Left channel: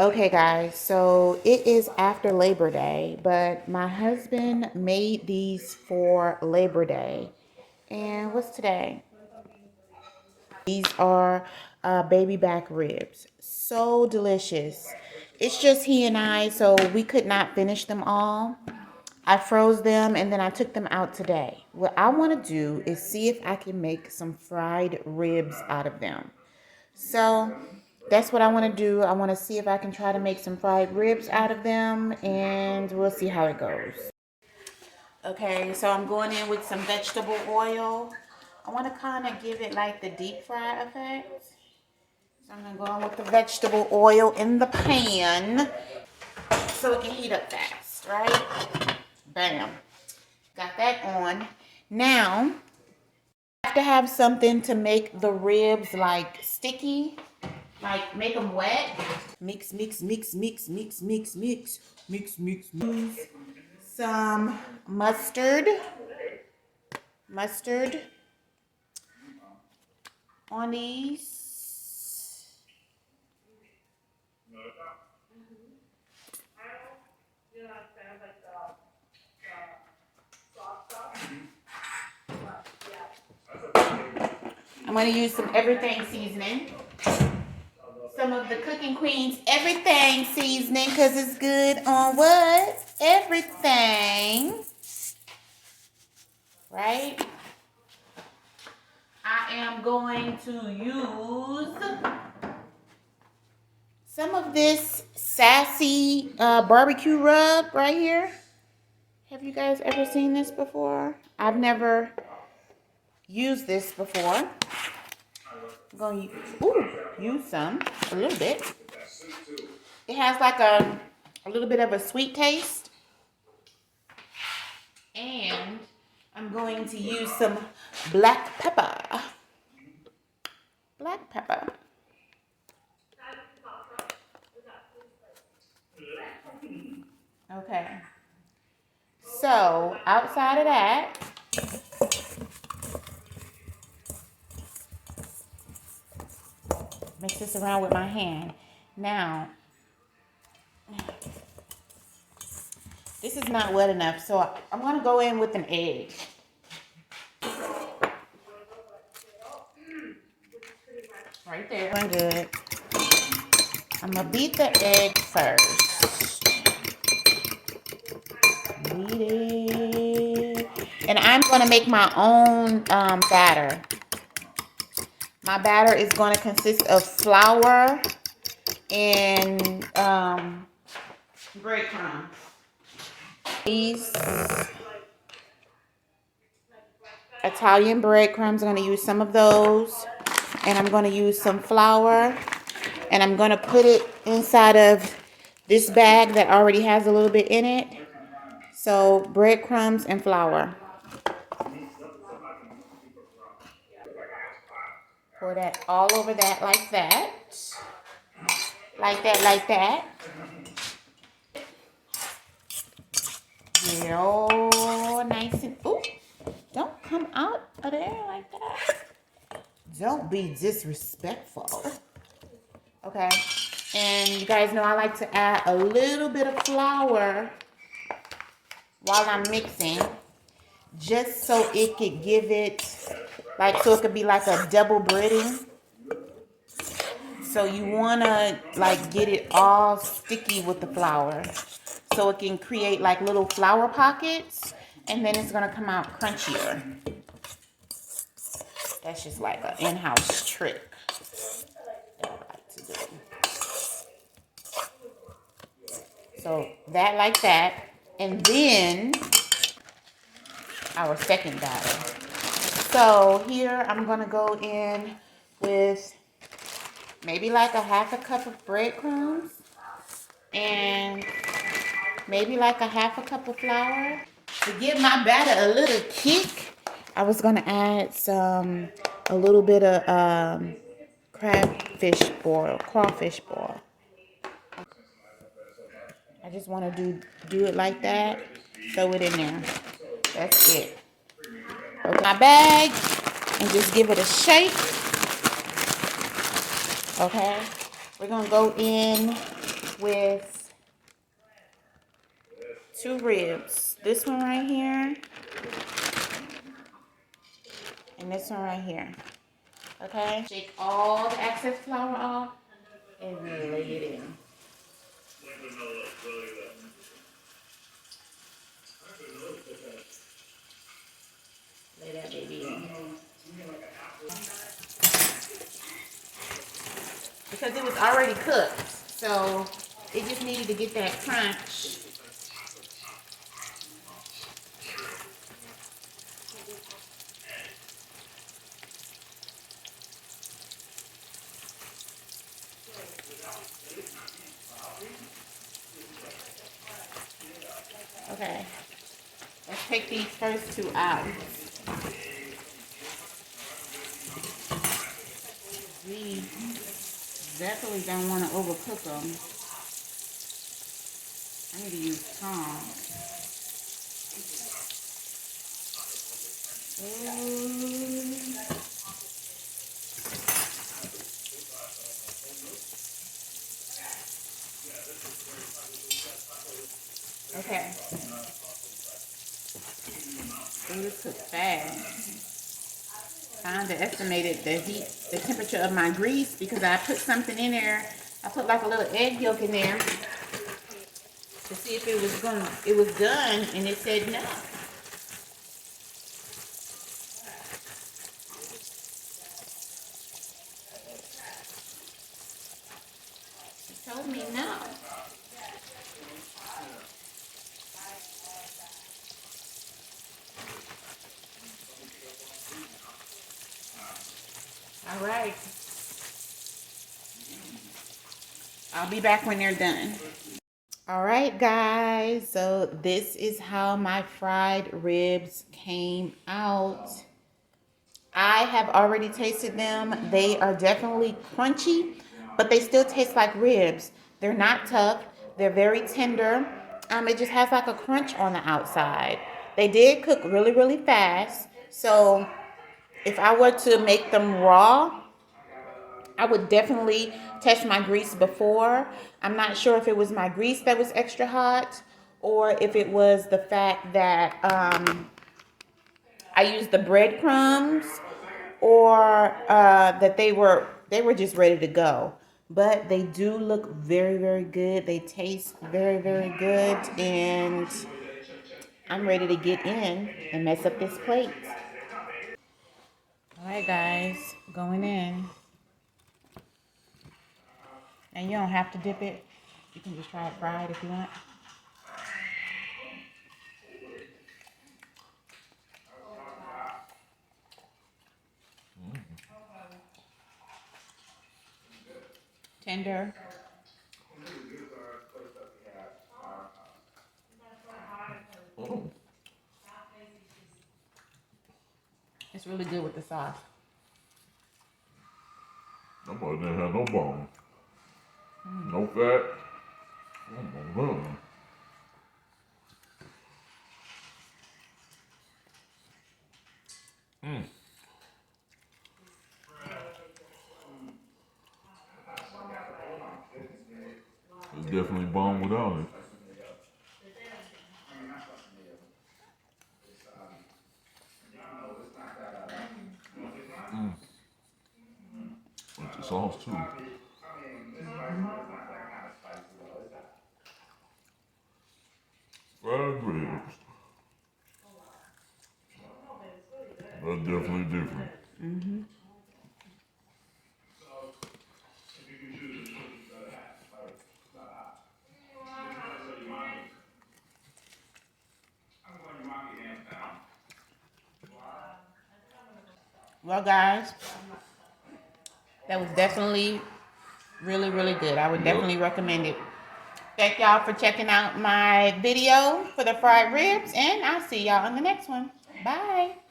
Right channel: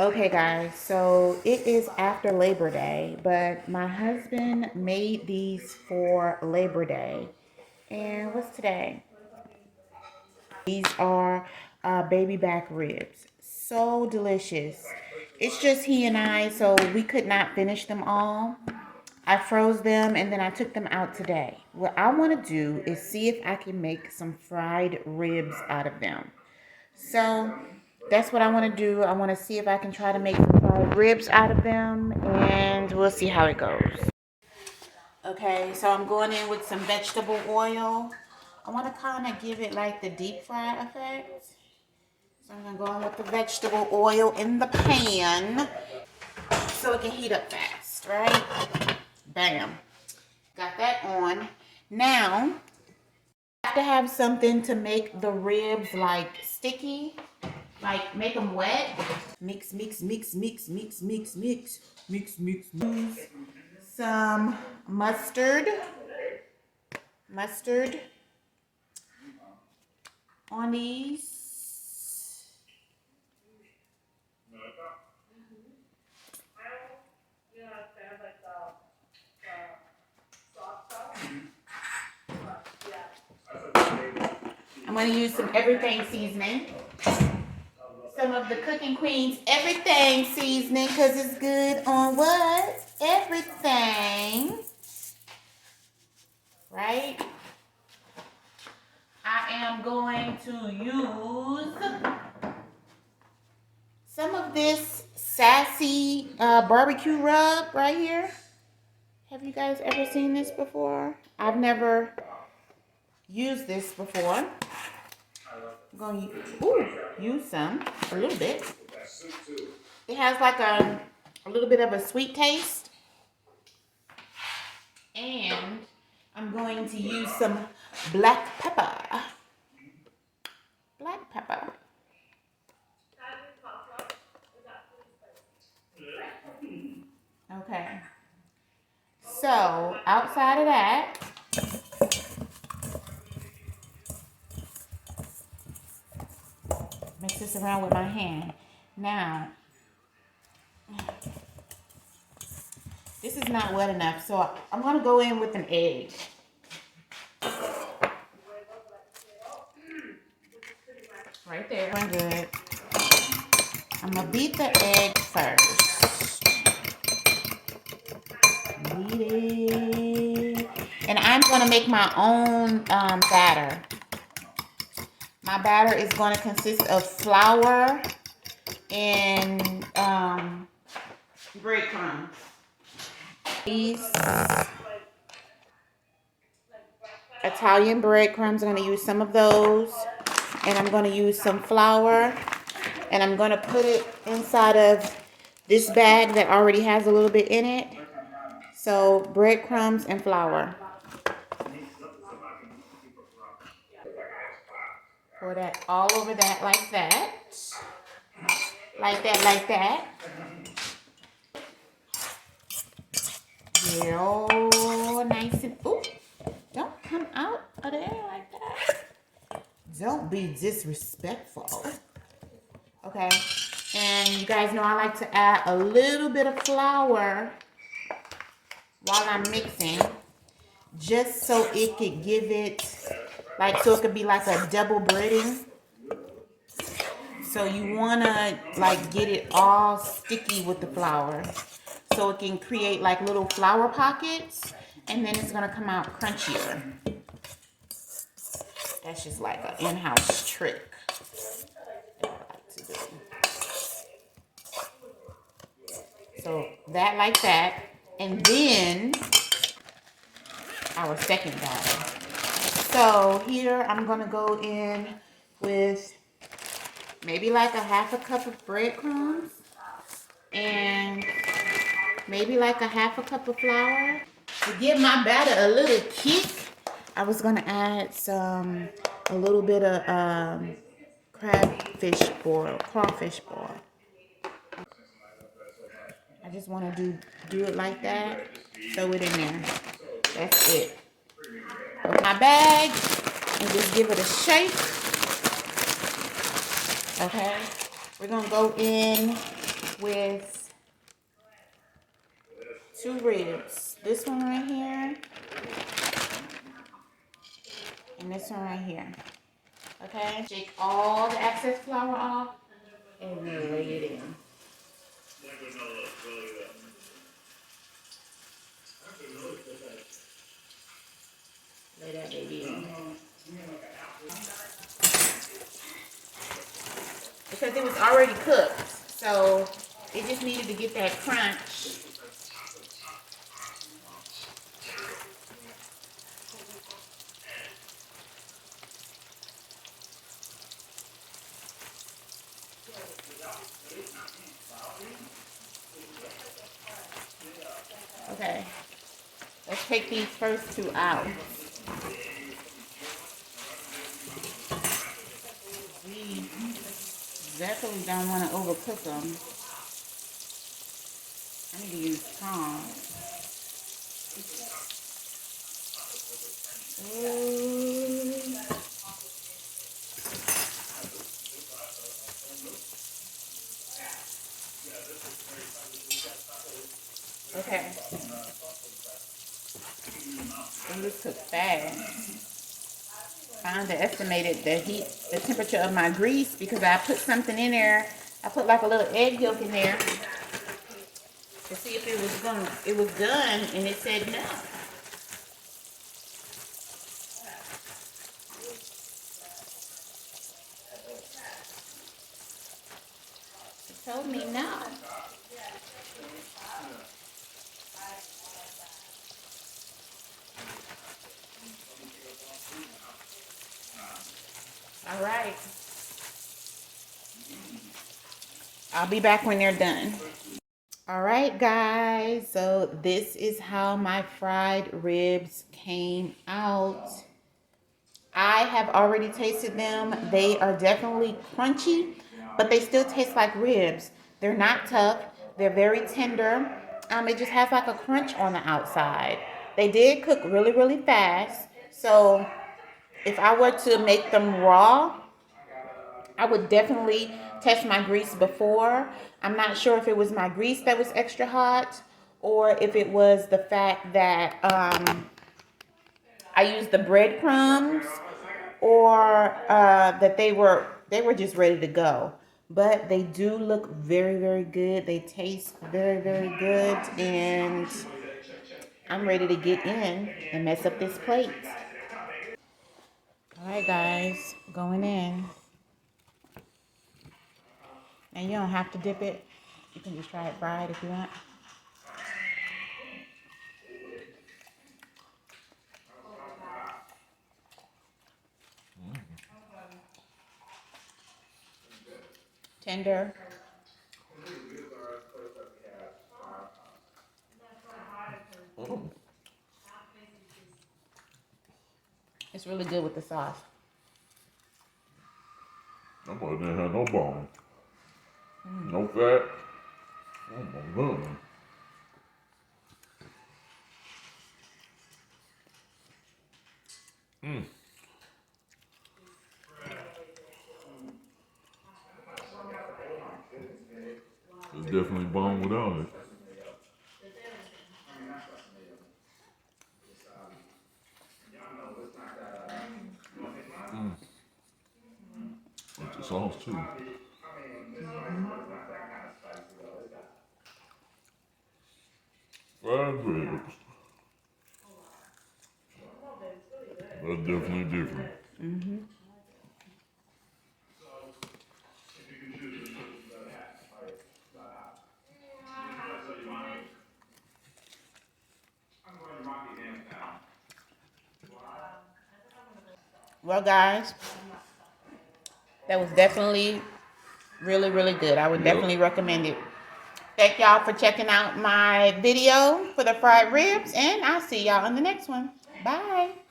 Okay, guys, so it is after Labor Day, but my husband made these for Labor Day. And what's today? These are baby back ribs. So delicious. It's just he and I, so we could not finish them all. I froze them and then I took them out today. What I want to do is see if I can make some fried ribs out of them. So that's what I want to do. I want to see if I can try to make some fried ribs out of them, and we'll see how it goes. Okay, so I'm going in with some vegetable oil. I want to kind of give it like the deep fry effect. So I'm going to go in with the vegetable oil in the pan so it can heat up fast, right? Bam. Got that on. Now, I have to have something to make the ribs like sticky, like make them wet. Mix, mix, mix, mix, mix, mix, mix, mix, mix, mix. Some mustard on these. I'm going to use some everything seasoning. Some of the Cooking Queen's everything seasoning because it's good on what? Everything. Right? I am going to use some of this sassy barbecue rub right here. Have you guys ever seen this before? I've never used this before. I'm going to use some, a little bit. It has like a little bit of a sweet taste. And I'm going to use some black pepper. Black pepper. Okay. So, outside of that, mix this around with my hand. Now, this is not wet enough, so I'm going to go in with an egg. Right there. I'm good. I'm going to beat the egg first. Beat it. And I'm going to make my own batter. My batter is going to consist of flour and breadcrumbs. These Italian breadcrumbs, I'm going to use some of those. And I'm going to use some flour. And I'm going to put it inside of this bag that already has a little bit in it. So breadcrumbs and flour. Pour that all over that like that. Like that, like that. Get it all nice and, ooh, don't come out of there like that. Don't be disrespectful. Okay, and you guys know I like to add a little bit of flour while I'm mixing, just so it could give it, like, so it could be like a double breading. So you want to, like, get it all sticky with the flour so it can create, like, little flour pockets, and then it's going to come out crunchier. That's just like an in-house trick that I like to do. So that like that. And then our second batter. So here I'm going to go in with maybe like a half a cup of breadcrumbs and maybe like a half a cup of flour. To give my batter a little kick, I was going to add a little bit of crawfish boil. I just want to do it like that. Throw it in there. That's it. Open my bag and just give it a shake. Okay. We're going to go in with 2 ribs. This one right here and this one right here. Okay? Shake all the excess flour off and lay it in. Lay that baby in. Because it was already cooked, so it just needed to get that crunch. Okay, let's take these first 2 out. We definitely don't want to overcook them. I need to use tongs. Okay. Fingers cook fast. I underestimated the temperature of my grease because I put something in there. I put like a little egg yolk in there to see if it was done, and it said no. It told me no. All right. I'll be back when they're done. All right, guys. So this is how my fried ribs came out. I have already tasted them. They are definitely crunchy, but they still taste like ribs. They're not tough. They're very tender. It just has like a crunch on the outside. They did cook really, really fast. So if I were to make them raw, I would definitely test my grease before. I'm not sure if it was my grease that was extra hot or if it was the fact that I used the breadcrumbs or that they were just ready to go. But they do look very, very good. They taste very, very good. And I'm ready to get in and mess up this plate. All right, guys, going in. And you don't have to dip it. You can just try it fried if you want. Tender. It's really good with the sauce. That boy didn't have no bone. No fat. Oh my God. It's definitely bone without it. With the sauce too. Fried ribs. That's definitely different. Well, guys, that was definitely really, really good. I would definitely recommend it. Thank y'all for checking out my video for the fried ribs, and I'll see y'all in the next one. Bye.